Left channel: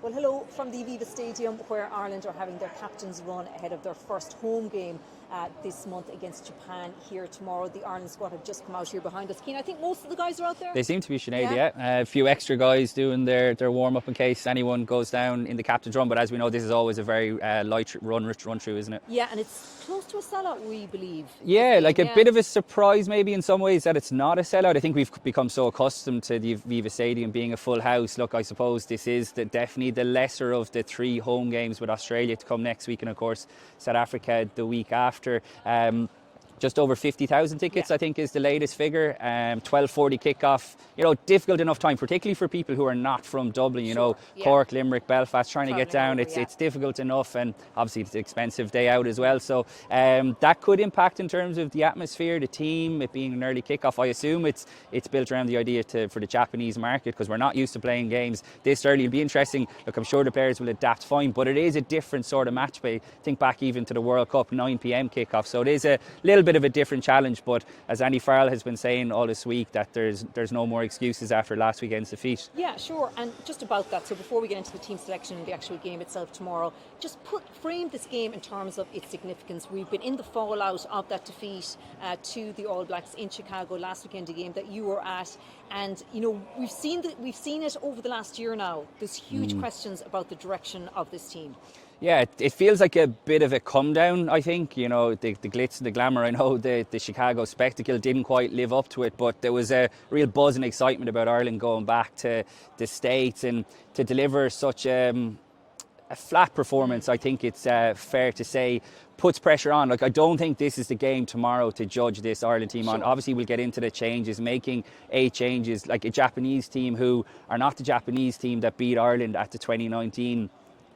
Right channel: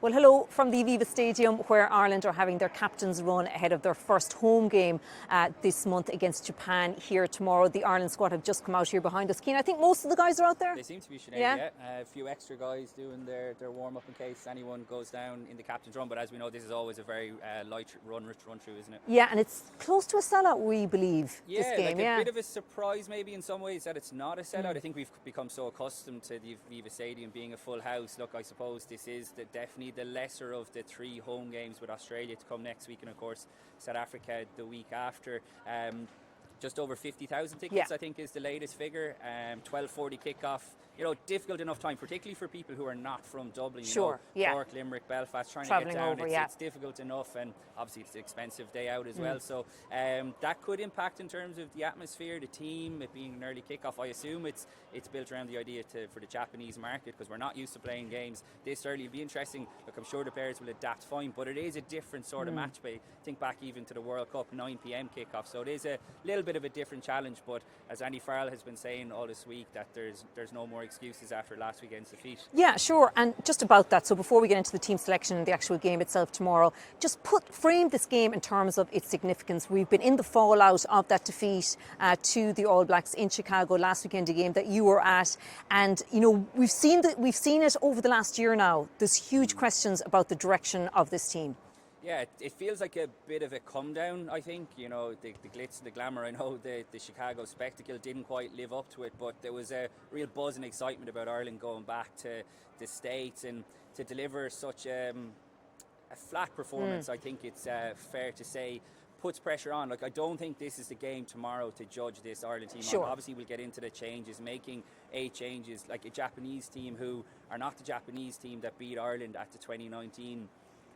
Well, hello from the Aviva Stadium, where Ireland are having their captain's run ahead of their first home game this month against Japan here tomorrow. The Ireland squad have just come out here behind us. Cian, I think most of the guys are out there. They seem to be, Sinead, yeah. A few extra guys doing their warm-up in case anyone goes down in the captain's run. But as we know, this is always a very light run through, isn't it? Yeah, and it's close to a sellout, we believe. Yeah, like a bit of a surprise maybe in some ways that it's not a sellout. I think we've become so accustomed to the Aviva Stadium being a full house. Look, I suppose this is definitely the lesser of the three home games, with Australia to come next week and of course South Africa the week after. Just over 50,000 tickets, I think, is the latest figure. 12:40 kickoff. You know, difficult enough time, particularly for people who are not from Dublin. You know, Cork, Limerick, Belfast, trying to get down. It's difficult enough, and obviously it's an expensive day out as well. So that could impact in terms of the atmosphere, the team, it being an early kickoff. I assume it's built around the idea for the Japanese market, because we're not used to playing games this early. It'll be interesting. Look, I'm sure the players will adapt fine, but it is a different sort of match play. Think back even to the World Cup 9 p.m. kickoff. So it is a little bit of a different challenge, but as Andy Farrell has been saying all this week, that there's no more excuses after last weekend's defeat. Yeah, sure. And just about that, so before we get into the team selection and the actual game itself tomorrow, just frame this game in terms of its significance. We've been in the fallout of that defeat to the All Blacks in Chicago last weekend, a game that you were at, and you know we've seen it over the last year now. There's huge questions about the direction of this team. Yeah, it feels like a bit of a come down, I think. You know, the glitz and the glamour, I know the Chicago spectacle didn't quite live up to it, but there was a real buzz and excitement about Ireland going back to the States, and to deliver such a flat performance, I think it's fair to say, puts pressure on. Like, I don't think this is the game tomorrow to judge this Ireland team on. Obviously, we'll get into the changes, making 8 changes, like a Japanese team who are not the Japanese team that beat Ireland at the 2019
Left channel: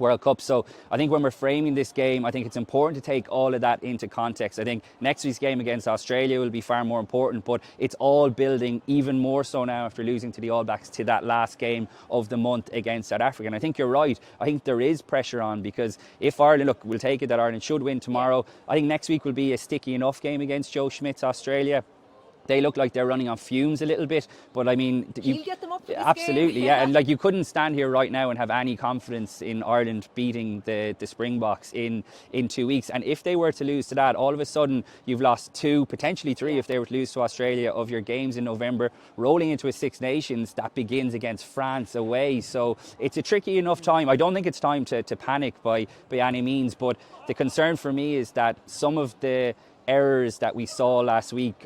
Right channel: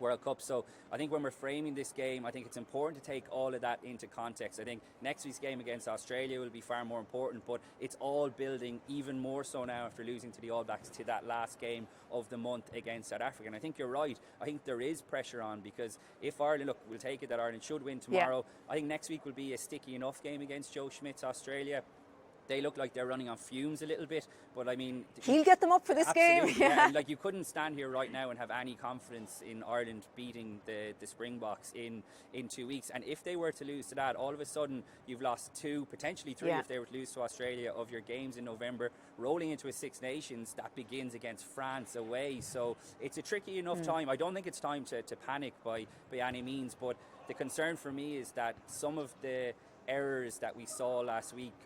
World Cup. So I think when we're framing this game, I think it's important to take all of that into context. I think next week's game against Australia will be far more important, but it's all building even more so now after losing to the All Blacks to that last game of the month against South Africa. And I think you're right. I think there is pressure on, because if Ireland, look, we'll take it that Ireland should win tomorrow. I think next week will be a sticky enough game against Joe Schmidt's Australia. They look like they're running on fumes a little bit, but I mean, he'll get them up for this game. Absolutely, yeah. And like, you couldn't stand here right now and have any confidence in Ireland beating the Springboks in 2 weeks. And if they were to lose to that, all of a sudden you've lost 2, potentially 3, if they were to lose to Australia, of your games in November, rolling into a Six Nations that begins against France away. So it's a tricky enough time. I don't think it's time to panic by any means, but the concern for me is that some of the errors that we saw last week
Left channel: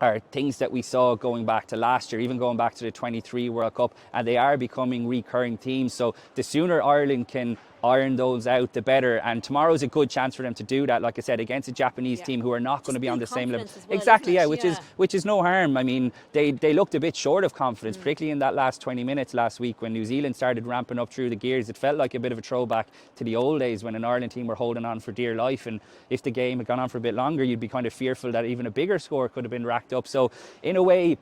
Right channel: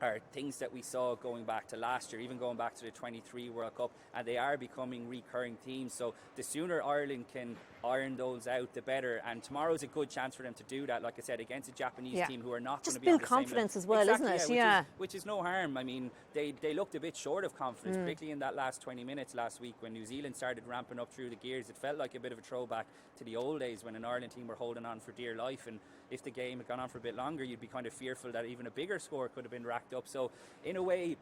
are things that we saw going back to last year, even going back to the 23 World Cup, and they are becoming recurring themes. So the sooner Ireland can iron those out, the better. And tomorrow's a good chance for them to do that, like I said, against a Japanese team who are not going to be on the same level. Well, exactly, which is no harm. I mean, they looked a bit short of confidence, particularly in that last 20 minutes last week when New Zealand started ramping up through the gears. It felt like a bit of a throwback to the old days when an Ireland team were holding on for dear life, and if the game had gone on for a bit longer, you'd be kind of fearful that even a bigger score could have been racked up. So in a way,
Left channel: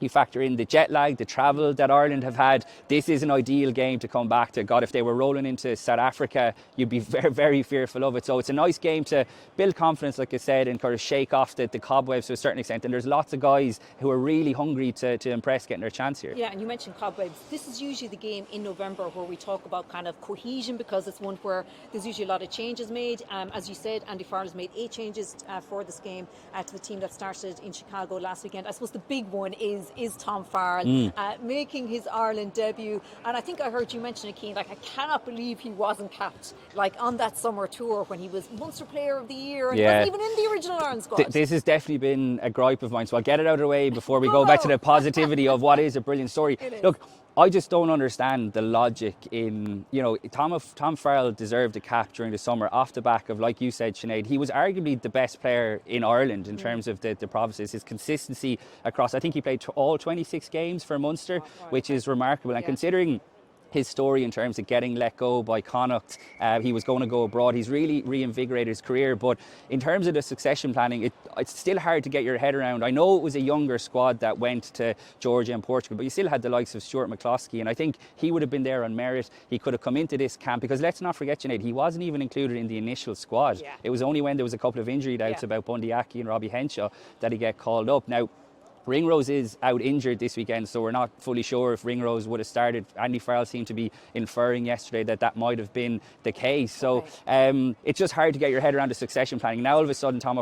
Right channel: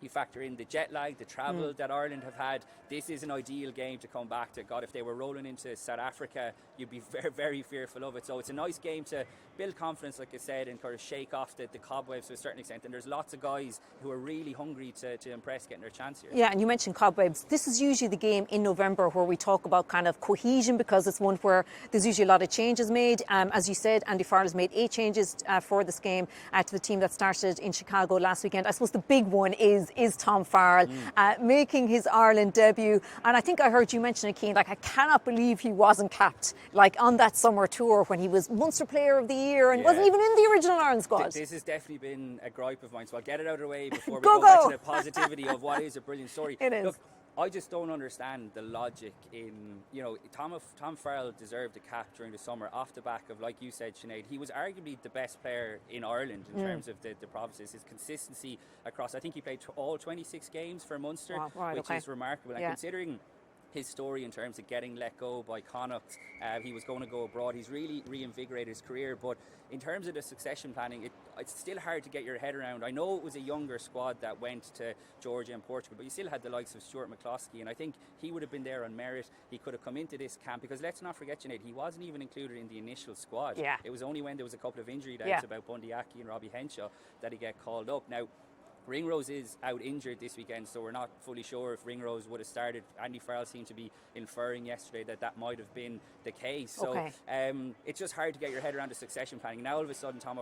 you factor in the jet lag, the travel that Ireland have had. This is an ideal game to come back to. God, if they were rolling into South Africa, you'd be very, very fearful of it. So it's a nice game to build confidence, like I said, and kind of shake off the cobwebs to a certain extent. And there's lots of guys who are really hungry to impress, getting their chance here. Yeah, and you mentioned cobwebs. This is usually the game in November where we talk about kind of cohesion, because it's one where there's usually a lot of changes made. As you said, Andy Farrell has made 8 changes for this game to the team that started in Chicago last weekend. I suppose the big one is Tom Farrell making his Ireland debut. And I think I heard you mention it, Cian, like, I cannot believe he wasn't capped, like, on that summer tour when he was Munster Player of the Year, and he wasn't even in the original Ireland squad. This has definitely been a gripe of mine, so I'll get it out of the way before we go back to the positivity of what is a brilliant story. Look, I just don't understand the logic in, you know, Tom Farrell deserved a cap during the summer off the back of, like you said, Sinead, he was arguably the best player in Ireland in terms of the provinces. His consistency across, I think he played all 26 games for Munster, which is remarkable. And considering his story in terms of getting let go by Connacht, he was going to go abroad. He's really reinvigorated his career, but in terms of the succession planning, it's still hard to get your head around. I know it was a younger squad that went to Georgia and Portugal, but you still had the likes of Stuart McCloskey, and I think he would have been there on merit. He could have come into this camp, because let's not forget, Sinead, he wasn't even included in the initial squad. It was only when there was a couple of injury doubts about Bundy Aki and Robbie Henshaw that he get called up. Now, Ringrose is out injured this weekend, so we're not fully sure if Ringrose would have started. Andy Farrell seemed to be inferring yesterday that might have been the case. So it's just hard to get your head around the succession planning. Now all of a sudden Tom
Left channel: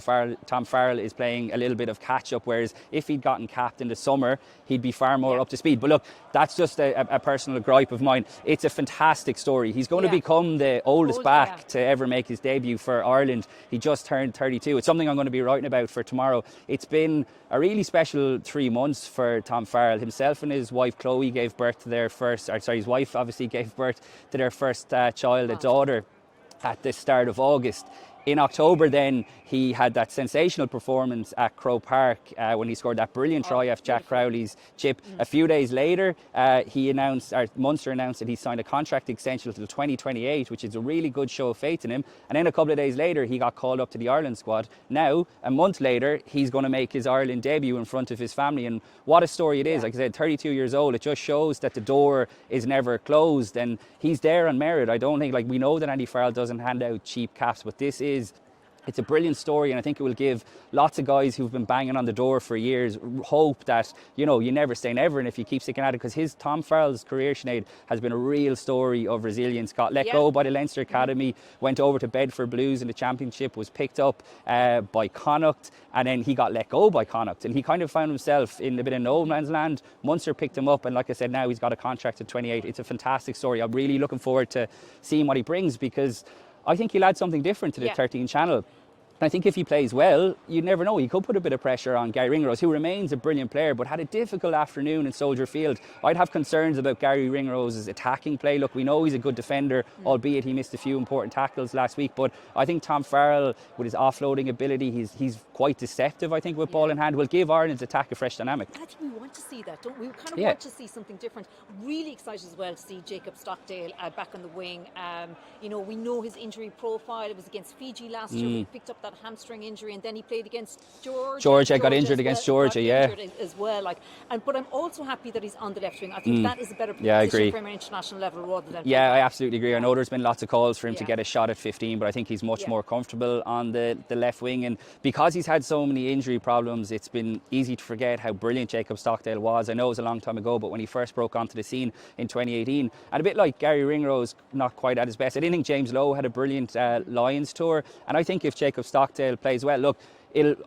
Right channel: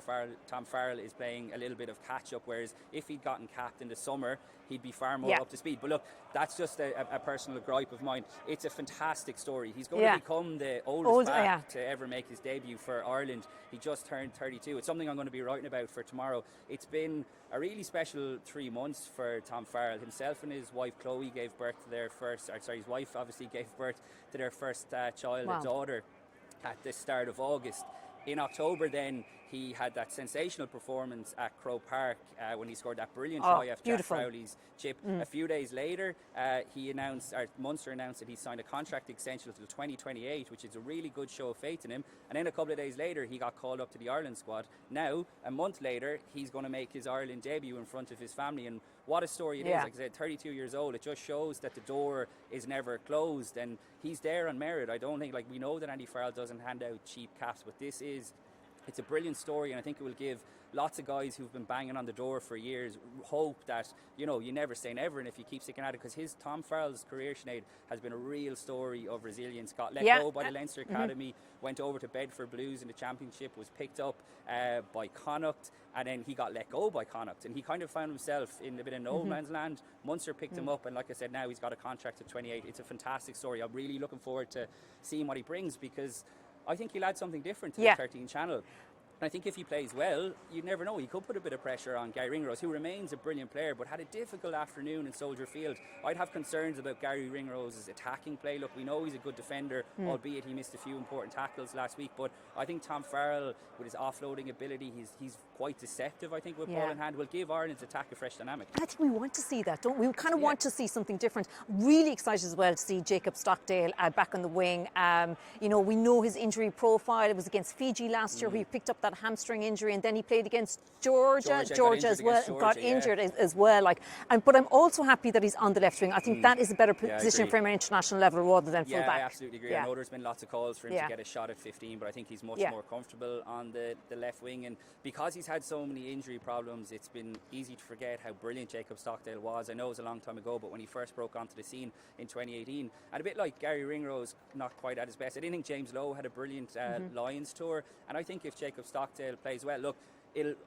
Farrell is playing a little bit of catch up, whereas if he'd gotten capped in the summer, he'd be far more up to speed. But look, that's just a personal gripe of mine. It's a fantastic story. He's going to become the oldest back to ever make his debut for Ireland. He just turned 32. It's something I'm going to be writing about for tomorrow. It's been a really special 3 months for Tom Farrell. Himself and his wife Chloe gave birth to their first, his wife obviously gave birth to their first child, a daughter, at the start of August. In October then, he had that sensational performance at Croke Park when he scored that brilliant try off Jack Crowley's chip. A few days later, Munster announced that he signed a contract extension until 2028, which is a really good show of faith in him. And then a couple of days later, he got called up to the Ireland squad. Now, a month later, he's going to make his Ireland debut in front of his family. And what a story it is. Like I said, 32 years old. It just shows that the door is never closed. And he's there on merit. I don't think, we know that Andy Farrell doesn't hand out cheap caps, but it's a brilliant story, and I think it will give lots of guys who've been banging on the door for years hope that, you never say never, and if you keep sticking at it, because Tom Farrell's career, Sinead, has been a real story of resilience. Got let go by the Leinster Academy, went over to Bedford Blues in the Championship, was picked up by Connacht, and then he got let go by Connacht, and he kind of found himself in a bit of no man's land. Munster picked him up, and like I said, now he's got a contract at 28. It's a fantastic story. I'm really looking forward to seeing what he brings, because I think he'll add something different to the 13 channel. And I think if he plays well, you never know. He could put a bit of pressure on Gary Ringrose, who remains a brilliant player, but had a difficult afternoon in Soldier Field. I'd have concerns about Gary Ringrose's attacking play. Look, we know he's a good defender, albeit he missed a few important tackles last week. But I think Tom Farrell, with his offloading ability, he's quite deceptive, I think, with ball in hand, will give Ireland's attack a fresh dynamic. I think we want to see that, don't we? We kind of want to see something different. Really excited as well to see Jacob Stockdale back on the wing. We know his injury profile. It was against Fiji last year. He picked up that hamstring injury, and then he played against Georgia. Got injured against Georgia, injured as well. But I'm also happy that he's on the left wing. I think that is a better position for him at international level rather than I absolutely agree. I know there's been lots of calls for him to get a shot at 15, but I think he's much more comfortable on the left wing, and because he's had so many injury problems, it's been easy to forget how brilliant Jacob Stockdale was. I know it was a long time ago, but when he first broke onto the scene in 2018, and a bit like Gary Ringrose, not quite at his best. I didn't think James Lowe had a brilliant Lions tour, and I think if Jacob Stockdale plays well, look,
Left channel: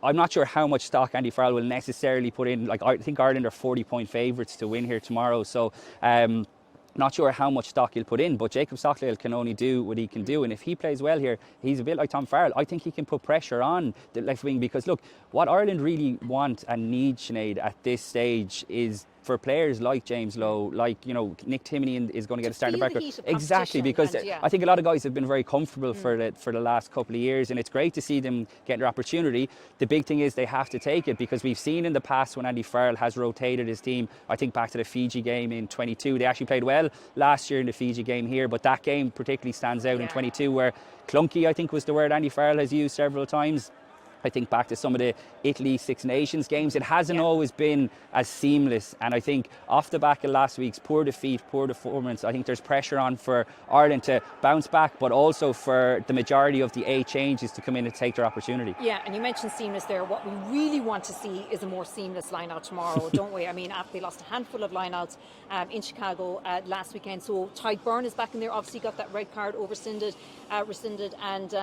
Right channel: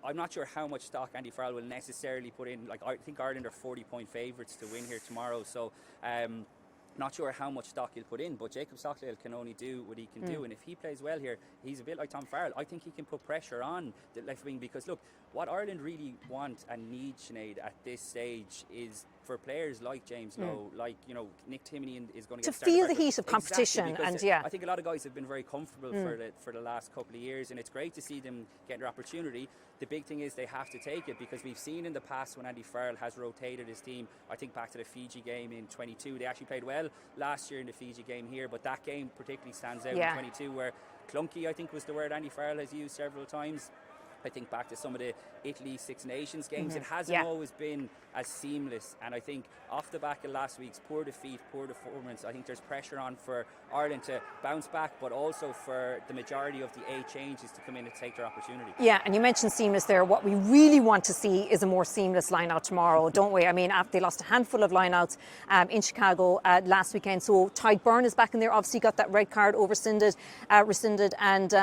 I'm not sure how much stock Andy Farrell will necessarily put in. I think Ireland are 40-point favourites to win here tomorrow, so not sure how much stock he'll put in, but Jacob Stockdale can only do what he can do, and if he plays well here, he's a bit like Tom Farrell. I think he can put pressure on the left wing, because look, what Ireland really want and need, Sinead, at this stage is for players like James Lowe, like Nick Timoney is going to get started back. Exactly, because I think a lot of guys have been very comfortable for the last couple of years, and it's great to see them get their opportunity. The big thing is they have to take it, because we've seen in the past when Andy Farrell has rotated his team. I think back to the Fiji game in 22. They actually played well last year in the Fiji game here, but that game particularly stands out in 22, where clunky, I think, was the word Andy Farrell has used several times. I think back to some of the Italy Six Nations games, it hasn't always been as seamless, and I think off the back of last week's poor defeat, poor performance, I think there's pressure on for Ireland to bounce back, but also for the majority of the A changes to come in and take their opportunity. Yeah, and you mentioned seamless there. What we really want to see is a more seamless line-out tomorrow, don't we? I mean, after they lost a handful of line-outs in Chicago last weekend, so Tadhg Byrne is back in there, obviously got that red card rescinded, and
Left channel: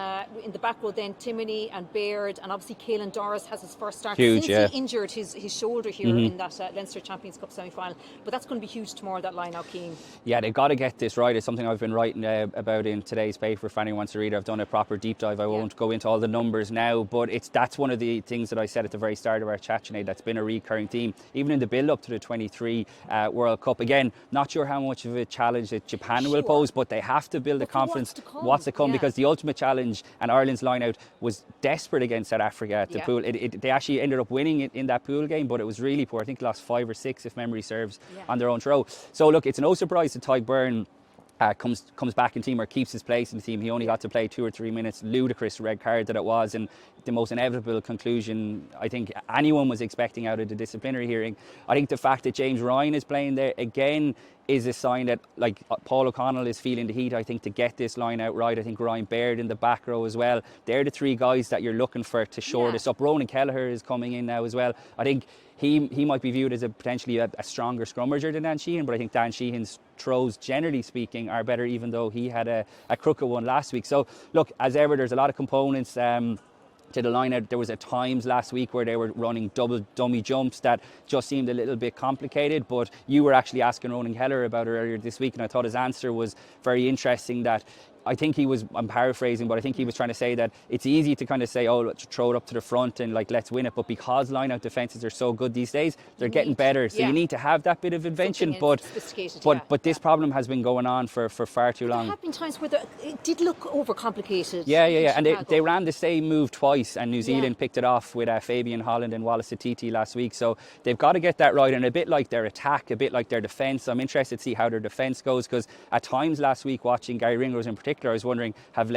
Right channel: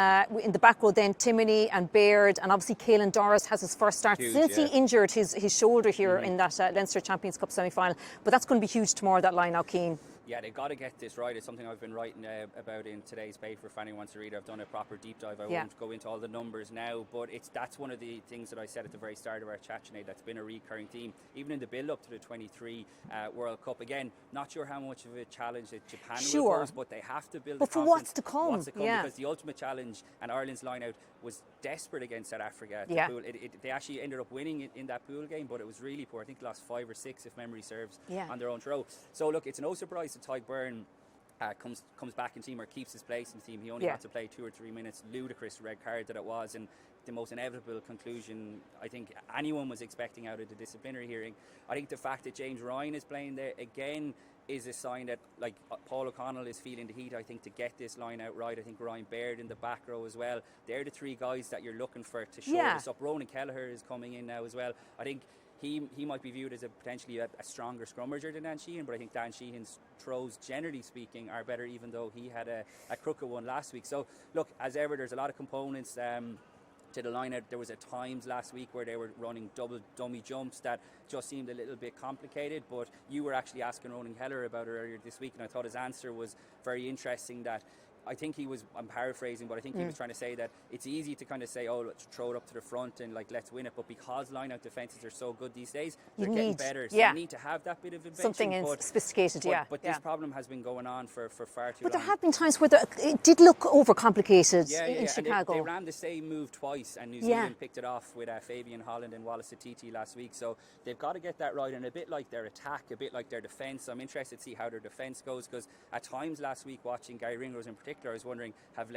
in the back row then Timoney and Baird, and obviously Caelan Doris has his first start since he injured his shoulder here in that Leinster Champions Cup semi-final. But that's going to be huge tomorrow, that line-out, Cian. Yeah, they've got to get this right. It's something I've been writing about in today's paper if anyone wants to read it. I've done a proper deep dive. I won't go into all the numbers now, but that's one of the things that I said at the very start of our chat, Sinead, that's been a recurring theme, even in the build-up to the 23 World Cup. Again, not sure how much of a challenge that Japan will pose, but they have to build the confidence. What's to come, because the ultimate challenge and Ireland's line-out was desperate against South Africa at the pool. They actually ended up winning it in that pool game, but it was really poor. I think they lost 5 or 6, if memory serves, on their own throw. So look, it's no surprise that Tadhg Byrne comes back in team, or keeps his place in the team. He only had to play 2 or 3 minutes. Ludicrous red card that it was, and the most inevitable conclusion I think anyone was expecting out of the disciplinary hearing. I think the fact that James Ryan is playing there again, is a sign that like Paul O'Connell is feeling the heat, I think, to get this line out right. I think Ryan Baird in the back row as well. They're the three guys that you're looking for to shore this up. Ronan Kelleher is coming in now as well. I think he might be viewed as potentially a stronger scrummager than Dan Sheehan, but I think Dan Sheehan's throws, generally speaking, are better, even though he had a crooked one last week. So look, as ever, there's a lot of components to the line out. There was at times last week where they were running double dummy jumps that just seemed a little bit complicated, but you were actually asking Ronan Kelleher about it earlier this week, and I thought his answer was very interesting. That I think I'm paraphrasing, but I think he was trying to say that it's easy to kind of say, oh, let's throw it up to the front and like let's win it, but because line-out defences are so good these days, they're getting better, so you need to have that bit of invention. But sophisticated, but this problem has been going on for far too long. There have been times where it did look overcomplicated. Yeah, and they ran the same move twice, and New Zealand picked it off with Fabian Holland and Wallace Atiti last week. So they've got to get that right, and a bit like their attack, a bit like their defence. I'm interested to see how their defence goes, because at times last week, watching Gary Ringrose in particular, I was wondering, have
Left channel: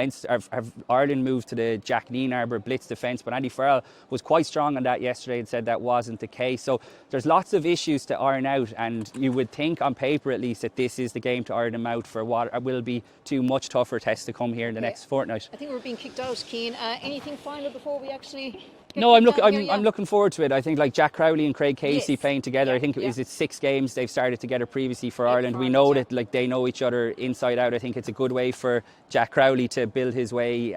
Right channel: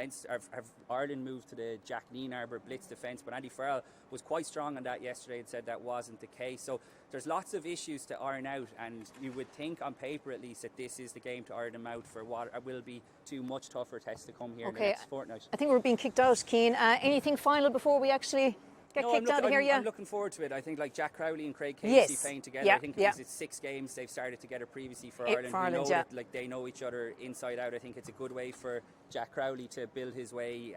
Ireland moved to the Jack Neenarber blitz defence? But Andy Farrell was quite strong on that yesterday and said that wasn't the case. So there's lots of issues to iron out, and you would think on paper at least that this is the game to iron them out for what will be two much tougher tests to come here in the next fortnight. I think we're being kicked out, Cian. Anything final before we actually... No, I'm looking forward to it. I think like Jack Crowley and Craig Casey playing together. I think it's 6 games they've started together previously for Ireland. We know that like they know each other inside out. I think it's a good way for Jack Crowley to build his way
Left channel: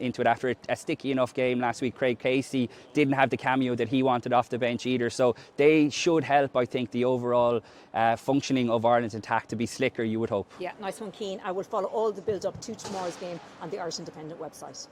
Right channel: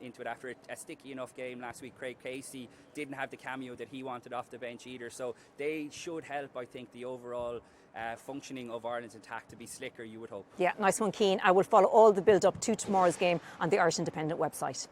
into it after a sticky enough game last week. Craig Casey didn't have the cameo that he wanted off the bench either, so they should help, I think, the overall functioning of Ireland's attack to be slicker, you would hope. Yeah, nice one, Cian. I will follow all the build up to tomorrow's game on the Irish Independent website.